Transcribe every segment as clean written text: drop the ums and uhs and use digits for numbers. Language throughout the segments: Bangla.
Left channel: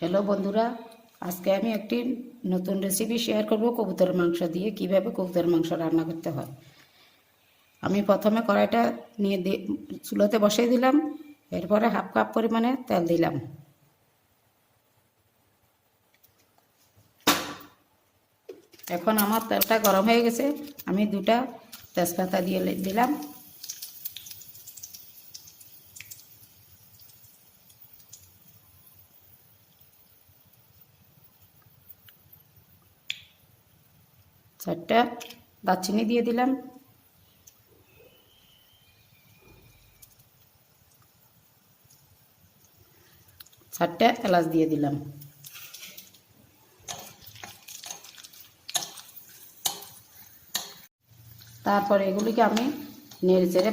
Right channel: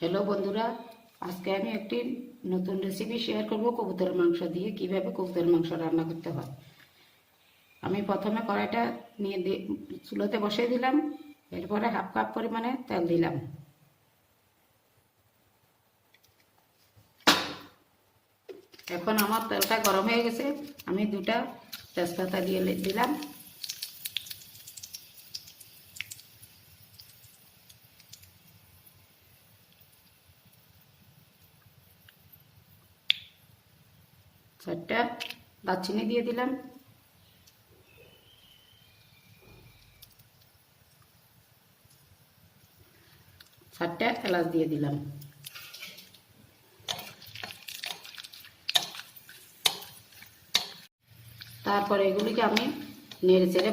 হ্যালো বন্ধুরা, আজকে আমি একটি নতুন রেসিপি শেয়ার করব কবুতরের মাংস দিয়ে কিভাবে কবুতরের মাংস রান্না করতে হয়। আমি প্রথমে কড়াইটা নিয়ে চুলোতে বসিয়ে দিলাম। এরপরে হাফ কাপ পরিমাণে তেল দিলাম। এখন আমার তেলটা গরম হয়ে গেছে। আমি দুটা তেজপাতা দিয়ে দিলাম। চারটা দারচিনি দিয়ে দিলাম। চারটা এলাচ দিয়ে দিলাম। তারপরে এগুলিকে আমি নেড়ে চেড়ে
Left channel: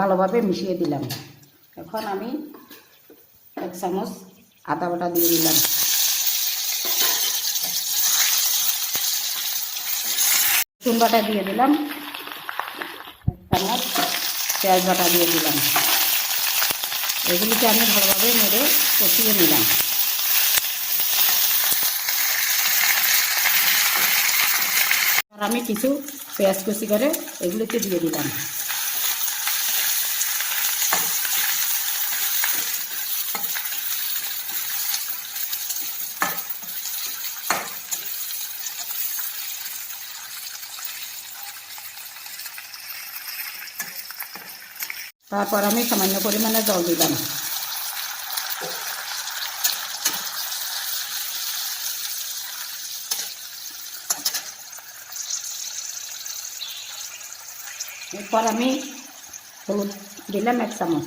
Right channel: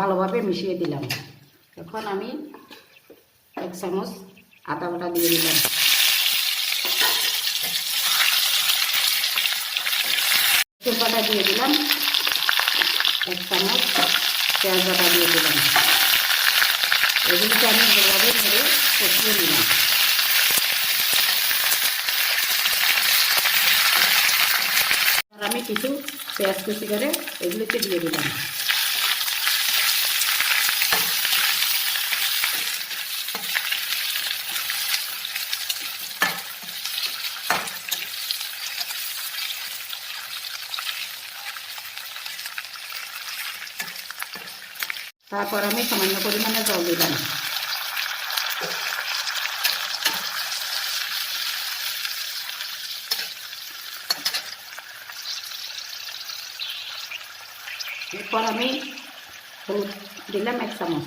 ভালোভাবে মিশিয়ে দিলাম। এখন আমি 1 চামচ আদা বাটা দিয়ে দিলাম। রসুন বাটা দিয়ে দিলাম। 1 চামচ পেঁয়াজ বাটা দিয়ে দিলাম। এগুলিকে আমি ভালোভাবে নেড়ে কষিয়ে নিলাম। আর আমি কিছু পেঁয়াজ কুচি করে এগুলিকে দিয়ে দিলাম। তারপর আমি সামান্য পরিমাণে জল দিলাম। এরপর আমি হলুদ দিলাম 1 চামচ।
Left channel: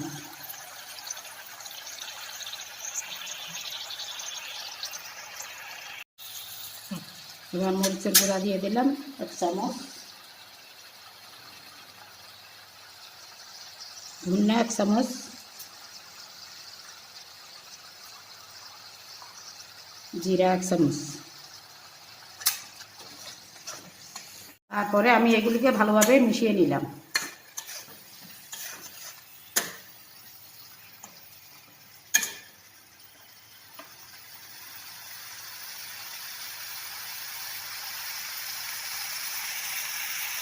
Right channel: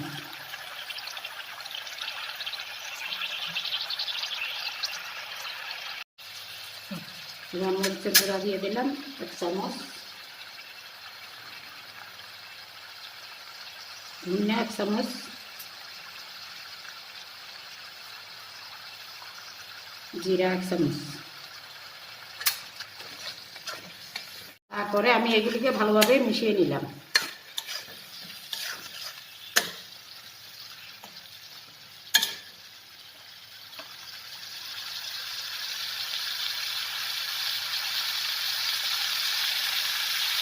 এবার মরিচের গুঁড়া দিয়ে দিলাম 1 চামচ। ধনিয়া 1 চামচ। জিরা 1 চামচ। তারপরে আমি এগুলিকে ভালোভাবে মিশিয়ে নিলাম।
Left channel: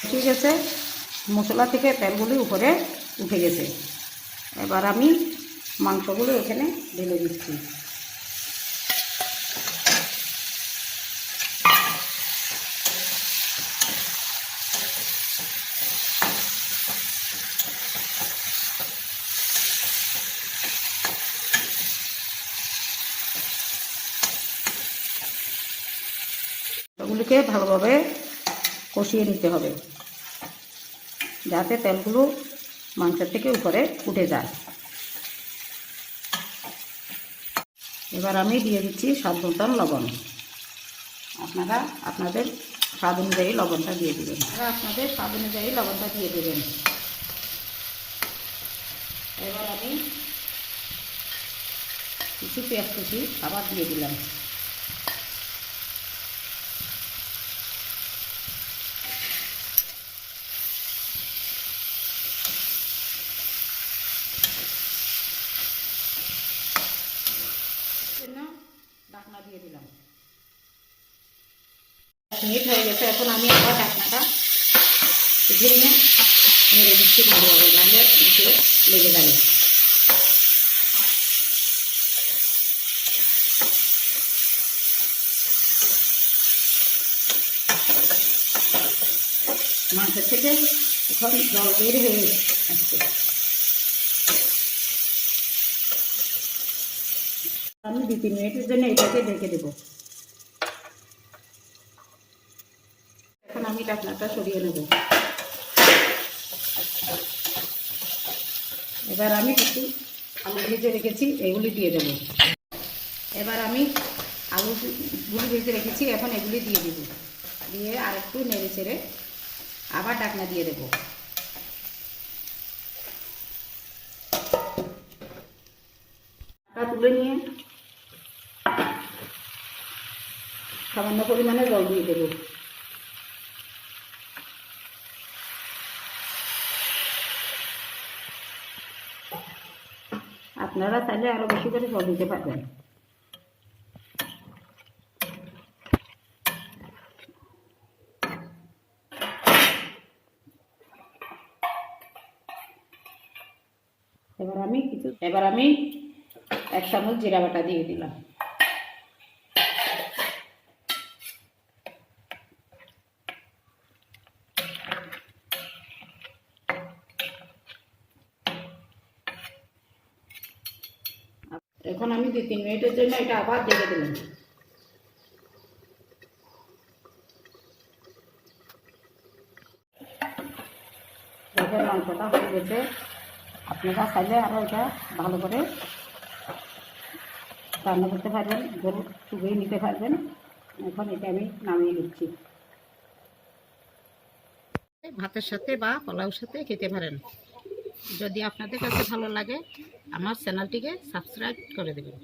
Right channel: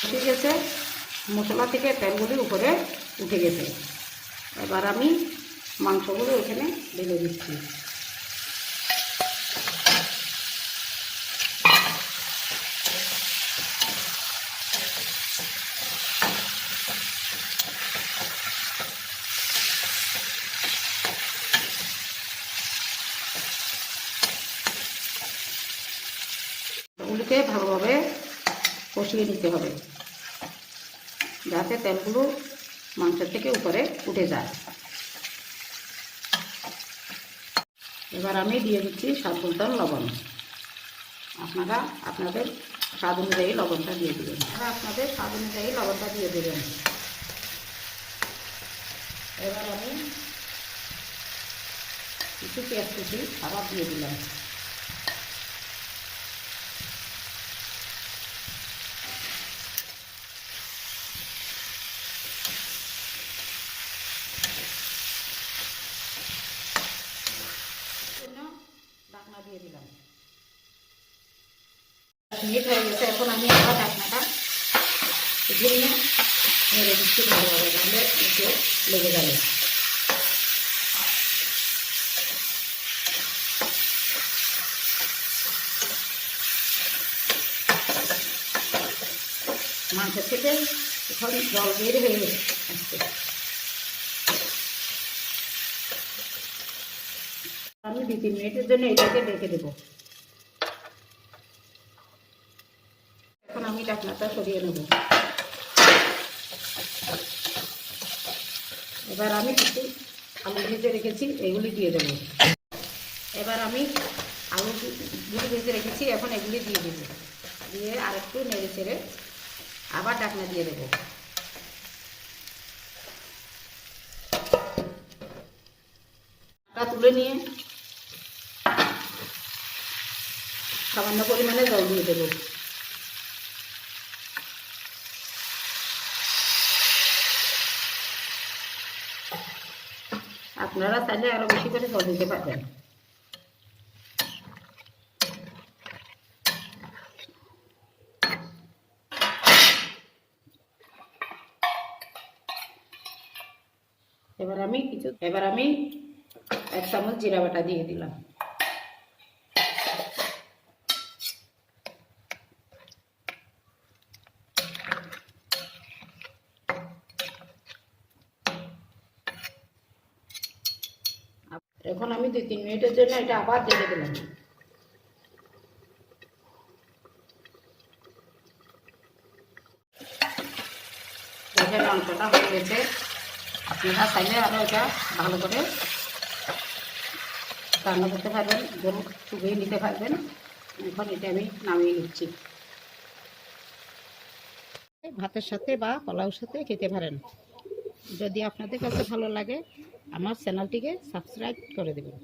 ঠিক আছে, মশলা থেকে তেলগুলি উপরে উঠে গেছে। এবার আমি মাংসগুলো এখানে ঢেলে দিচ্ছি। এগুলিকে ভালোভাবে কষিয়ে নিতে হবে যাতে তেলগুলো মাংসের থেকে উপরে উঠে যায়। এবার আমি দিয়ে দিচ্ছি স্বাদ মতন লবণ। আপনারা আপনাদের স্বাদ অনুযায়ী লবণটা দিয়ে দেবেন। আপনাদের স্বাদ অনুযায়ী লবণটা দিয়ে দেবেন। এবার আমি কিছু পেঁয়াজ কুচি আবার দিয়ে দিলাম। ঢাকনা দিয়ে দিলাম। মিনিট হয়ে গেছে। এখন আমি আবার ঢাকনাটা উঠিয়ে নিয়ে নেড়ে দিচ্ছি ভালোভাবে, নাহলে নিচে লেগে যাবে। মাংসের থেকে এখন জল বের হয়ে আসছে। আমি 2-3 মিনিটের জন্য এটাকে ঢেকে দেব। এখন আমি ঢাকনাটা সরিয়ে নেব। এবার আমি কিছু আলু ভেজে রেখেছি, এগুলি দিয়ে দেব। এবার আমি আলুগুলি ভেজে রেখেছি, এখন এগুলি দিয়ে দেব। দিয়ে আরেকটু নেড়ে চেড়ে আবার ঢাকনা দিয়ে দেব। তুলে নিয়ে সামান্য পরিমাণে জল দিয়ে দেব। আপনারা চাইলে আরো বেশি করে জল দিতে পারবেন। এবার আমি 1 চামচ জিরা বাটা দিয়ে দিলাম। এখন আমি 2-3 মিনিটের জন্য এটা আবার ঢেকে দিলাম। দেখেন মাংসটা হয়ে গেছে। আপনারা চাইলে আরও এটা ভালো করে রান্না করতে পারবেন, গরু চুবিয়ে নিতে পারবেন। এখন এটা আমি নামিয়ে নিচ্ছি। ভাতের সাথে বা পোলাওর সাথে খেতে পারেন। যদি আপনাদের কাছে ভালো লাগে আমার চ্যানেলটিকে সাবস্ক্রাইব করে দেবেন।